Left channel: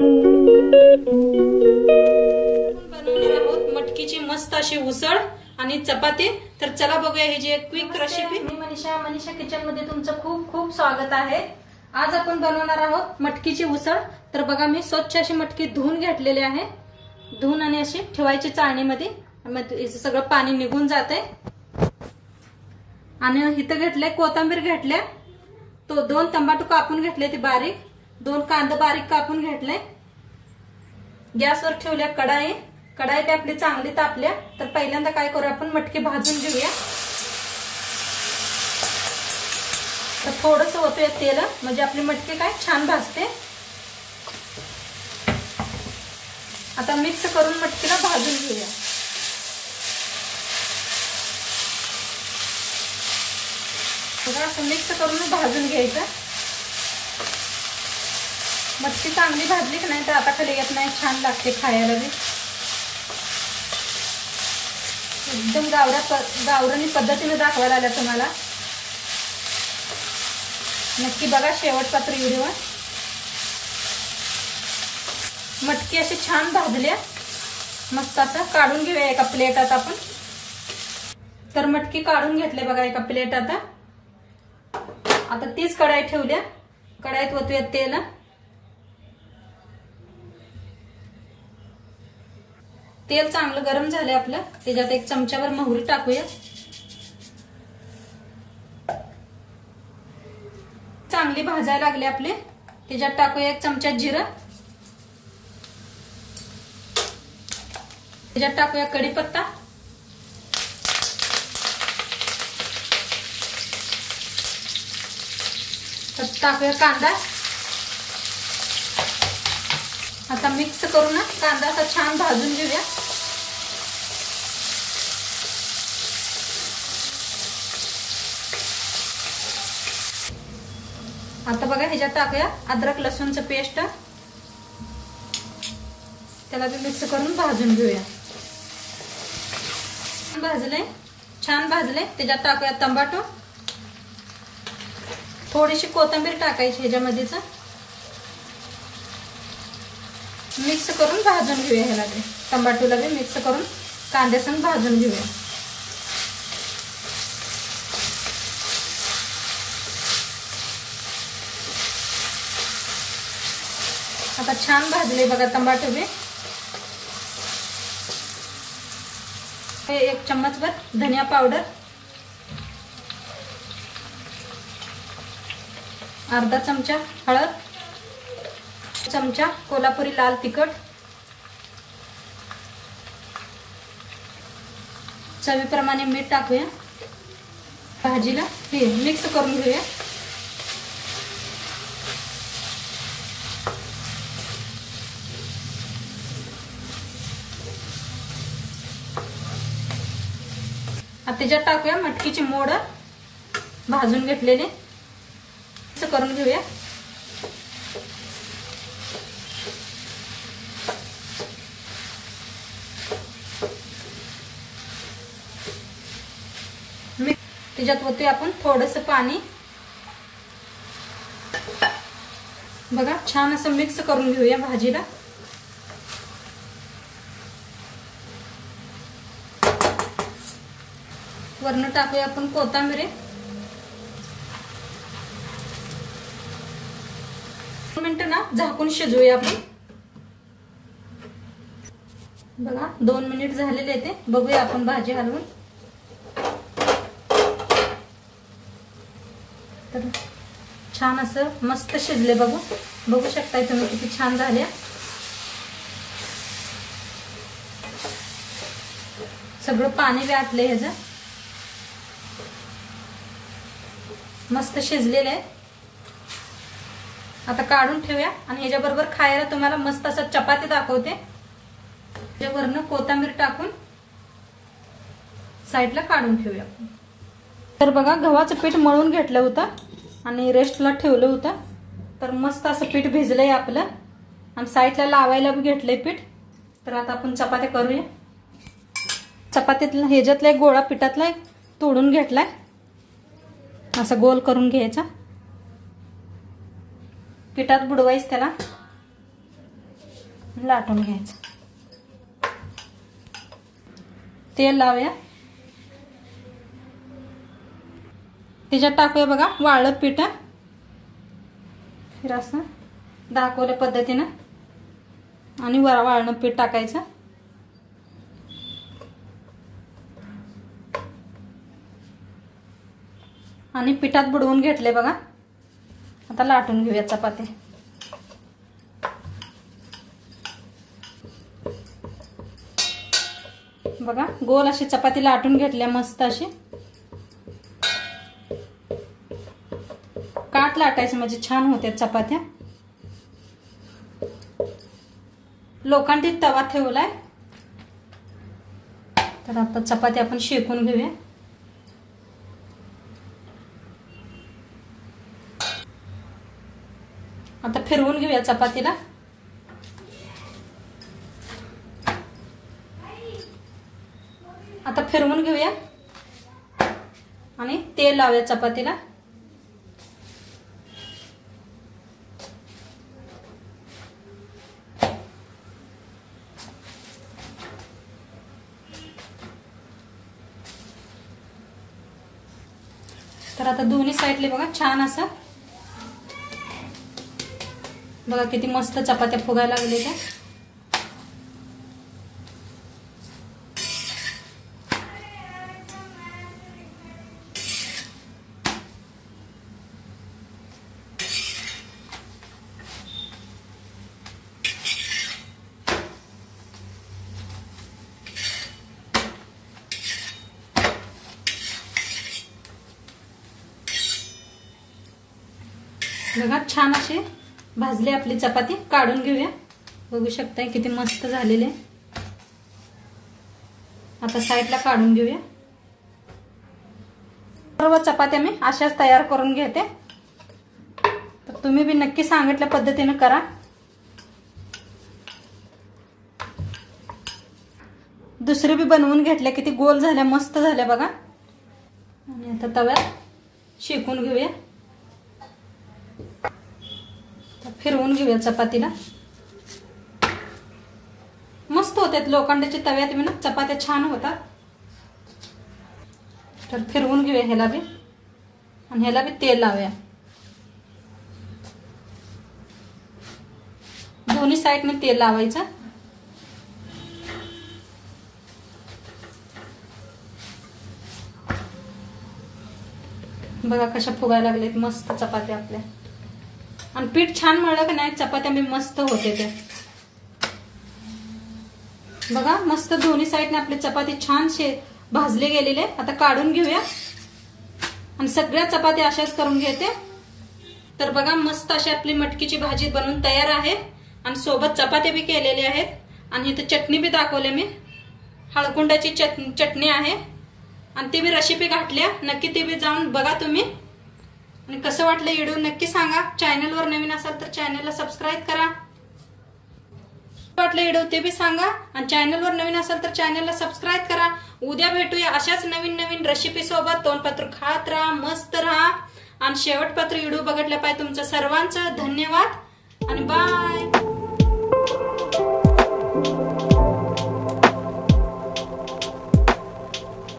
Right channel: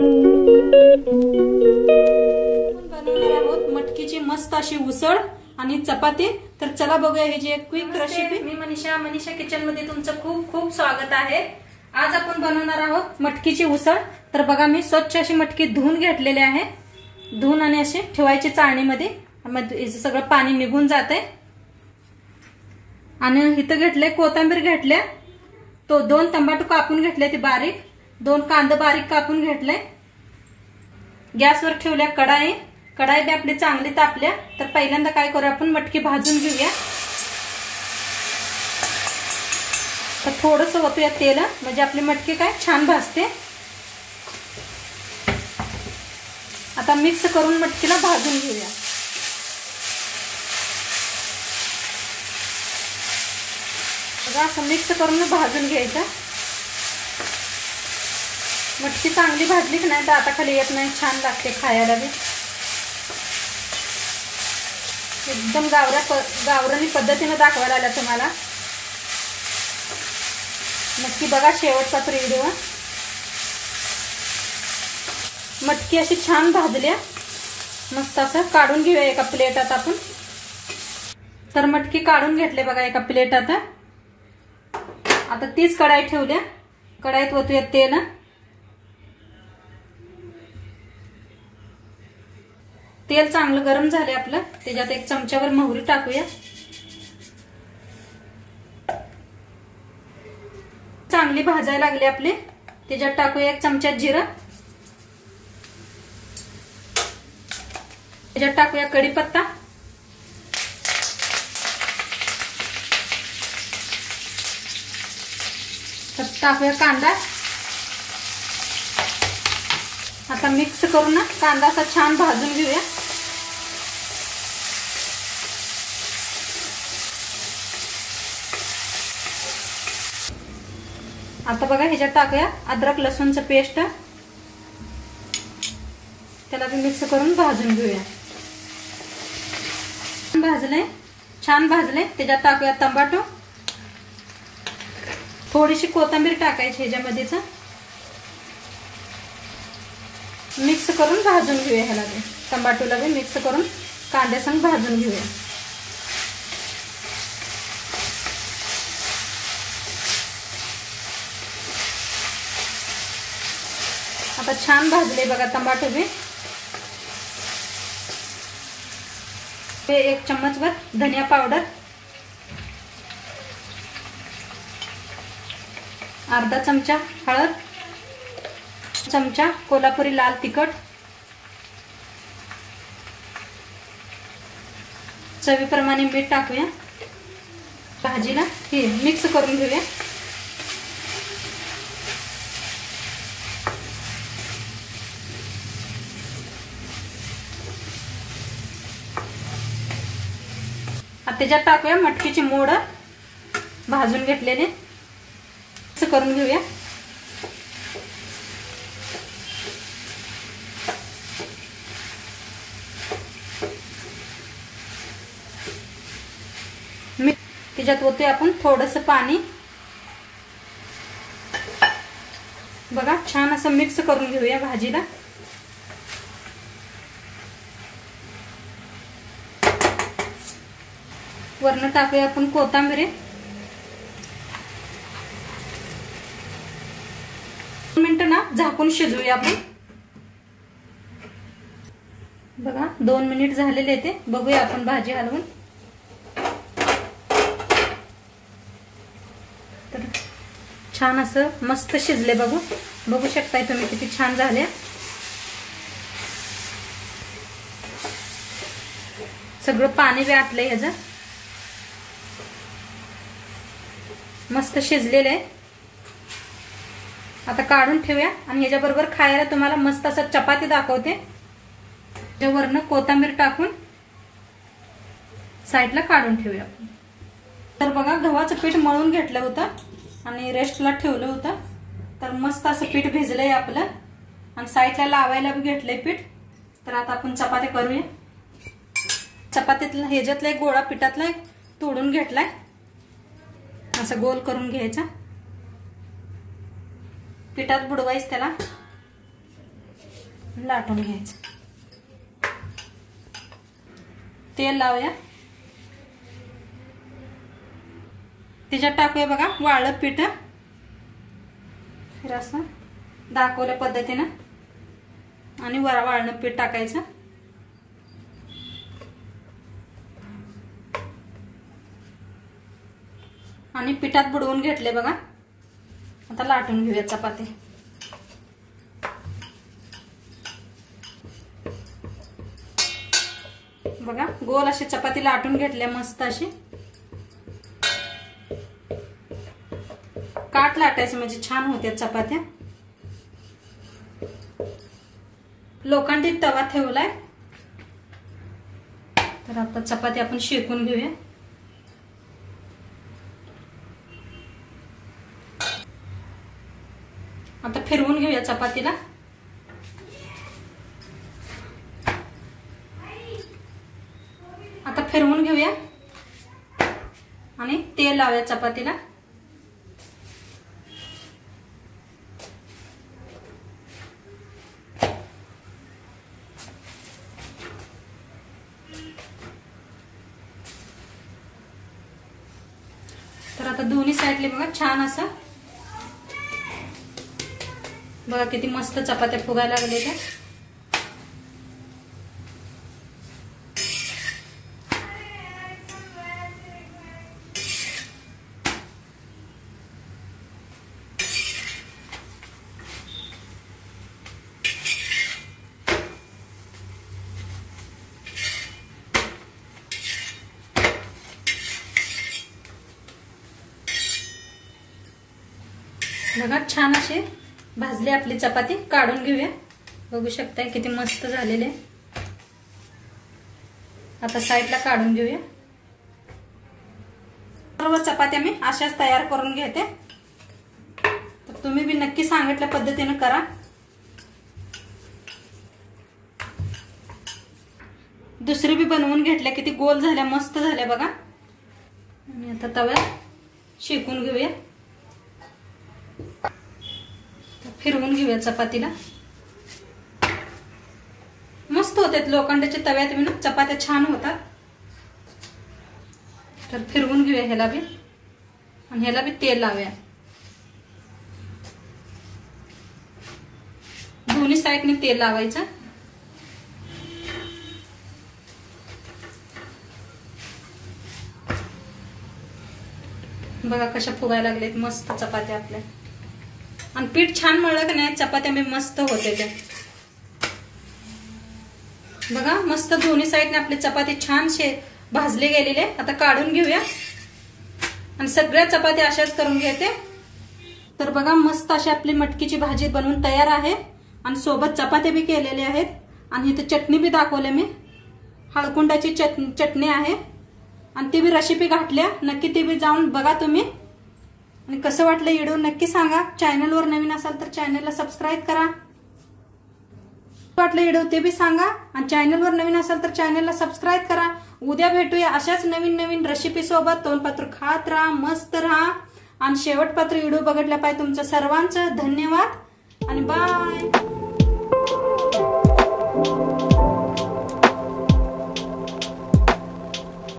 बनवणार आहोत मटकीची मस्त अशी उसळ आणि चपाती। तर चला बघूया ही जी एक क्विक रेसिपी। मी मनीषा किचन मध्ये तुमचं खूप खूप स्वागत आहे। आज आपण बनवणार आहोत मटकीची उसळ। तर बघा मी स्वच्छ अशी मटकी धुवून घेतलेली आहे। धुवून आणि अशी ठेवायची चाळणीमध्ये, मग सगळं पाणी निघून जाते। आणि इथं घेतले कोथिंबीर घेतले, तो 2 टमाटर कापून घेतले ते बारीक, 2 कांदा बारीक कापून घेतले। गॅसवर ठेवल्या कढाई बी आपली चांगली तापल्या। तर पहिल्यांदा काय करू आपण मटकी भाजून घेऊया। तर थोडस ओतूया तेल, म्हणजे आपली मटकी काय छान भाजते। आता मिक्स करून मटकीला भाजून घेऊया। असं मिक्स करून भाजून घ्यायचं। मटकी चांगली भाजली की नाही तर आता खाली येत नाही, छान लागते खायला बी। एकदम गावरानी पद्धतीने दाखवायला आल्या तुम्हाला। नक्की बघा शेवटचा व्हिडिओ। मटकी अशी छान भाजल्या, मस्त असं काढून घेऊया एका प्लेटात आपण। तर मटकी काढून घेतले बघा एका प्लेटात। आता तीच कढाई ठेवल्या, कढाईत ओतूया तेल। तेल चांगलं गरम झालंय आपलं, त्याच्यात 1 चमचाभर मोहरी टाकूया। चांगली भाजायला लागली आपली, त्याच्यात टाकूया 1 चमचा जिरं, त्याच्यात टाकूया कढीपत्ता, टाकूया कांदा। आता मिक्स करून ना कांदा असा छान भाजून घेऊया। आता बघा ह्याच्यात टाकूया अद्रक लसूणचं पेस्ट, त्याला बी मिक्स करून भाजून घेऊया। छान भाजले, त्याच्यात टाकूया टमाटो, थोडीशी कोथिंबीर टाकायची ह्याच्यामध्येच, मिक्स करून भाजून घेऊया। ह्याला बी टमाटोला बी मिक्स करून कांद्यासंग भाजून घेऊया। आता छान भाजले बघा टमाटो बी। 1 चम्मचभर धनिया पावडर, अर्धा चमचा हळद, चमचा कोल्हापुरी लाल तिखट, चवीप्रमाणे मीठ टाकूया। भाजीला हे मिक्स करून घेऊया। आता त्याच्यात टाकूया मटकीची मोड भाजून घेतलेले, मिक्स करून घेऊया। त्याच्यात होते आपण थोडस पाणी, बघा छान असं मिक्स करून घेऊया भाजीला। वरून टाकूया आपण कोथिंबीर, 2 मिनिटं ना झाकून शिजवूया आपण। बघा 2 मिनिट झालेले ते, बघूया आपण भाजी हलवून। तर छान असं मस्त शिजले, बघू शकताय तुम्ही किती छान झाले। सगळं पाणी बी आटलंय ह्याचं, मस्त शिजलेलं आहे। आता काढून ठेवूया आणि ह्याच्याबरोबर खायला तुम्हाला मस्त असं चपाती दाखवते। त्याच्यावरनं कोथिंबीर टाकून साईडला काढून ठेवूया आपण। तर बघा गव्हाचं पीठ मळून घेतलं होतं आणि रेस्टला ठेवलं होतं। तर मस्त असं पीठ भिजलंय आपलं आणि साईडला लावायला बी घेतलंय पीठ। तर आता आपण चपात्या करूया। चपातीतला ह्याच्यातला एक गोळा पिठातला तोडून घेतलाय, असा गोल करून घ्यायचा, पिठात बुडवायचं त्याला। लाटून घ्यायचं. तेल लावूया. त्याच्यात टाकूया बघा वाळलं पीठ. फिर असं दाखवल्या पद्धतीनं आणि वाळलं पीठ टाकायचं. आणि पिठात बुडवून घेतले बघा. आता लाटून घेऊया चपाती. बघा गोल अशी चपाती लाटून घेतल्या मस्त अशी. काट लाटायचं म्हणजे छान होते चपात्या. लोखंडी तवा ठेवलाय. तर आता चपाती आपण शेकून घेऊया. आता फिरवून घेऊया चपातीला. आता फिरवून घेऊया आणि तेल लावूया चपातीला. तर आता दोन्ही साईडले बघा छान असं बघा किती मस्त चपात्या फुगायला लागल्या. बघा छान अशी भाजली आपली चपाती. काढून घेऊया. बघू शकताय किती मस्त झालेले. आता साईडला काढून घेऊया. सर्व चपात्या मी अशाच तयार करून घेते. तर तुम्ही बी नक्की सांगितल्या पद्धतीने करा. दुसरी बी बनवून घेतल्या किती गोल झाल्या मस्त झाल्या बघा. आणि आता तव्यात शेकून घेऊया. फिरवून घेऊया चपातीला. मस्त होतात लोखंडाच्या तव्यात बी ना चपात्या छान होतात. तर फिरवून घेऊया ह्याला बी आणि ह्याला बी तेल लावूया. दोन्ही साईडने तेल लावायचं. बघा कशा फुगायला लागलेत मस्त चपात्या आपल्या. आणि पीठ छान मळलं की नाही चपात्या मी मस्त होते त्या. बघा मस्त दोन्ही साईडने आपली चपाती छान भाजले गेलेले. आता काढून घेऊया आणि सगळ्या चपात्या अशाच करून घेते. तर बघा मस्त अशी आपली मटकीची भाजी बनवून तयार आहे. आणि सोबत चपात्या बी केलेले आहेत. आणि इथं चटणी बी दाखवले मी. हळकुंडाची चटणी आहे आणि ती बी रेसिपी घातल्या. नक्की ती बी जाऊन बघा तुम्ही. आणि कसं वाटलं व्हिडिओ नक्की सांगा. चॅनलवर नवीन असाल तर चॅनलला सबस्क्राईब करा. वाटलं व्हिडिओ ते बी सांगा. आणि चॅनलवर नवीन असाल तर चॅनलला सबस्क्राईब करा. उद्या भेटूया अशाच नवीन नवीन रेसिपी सोबत. तोंडपत्र खात राहा, मस्त राहा. आणि शेवटपत्र व्हिडिओ बघितल्या पाहिजे. तुमचं सर्वांचं धन्यवाद आणि बाय.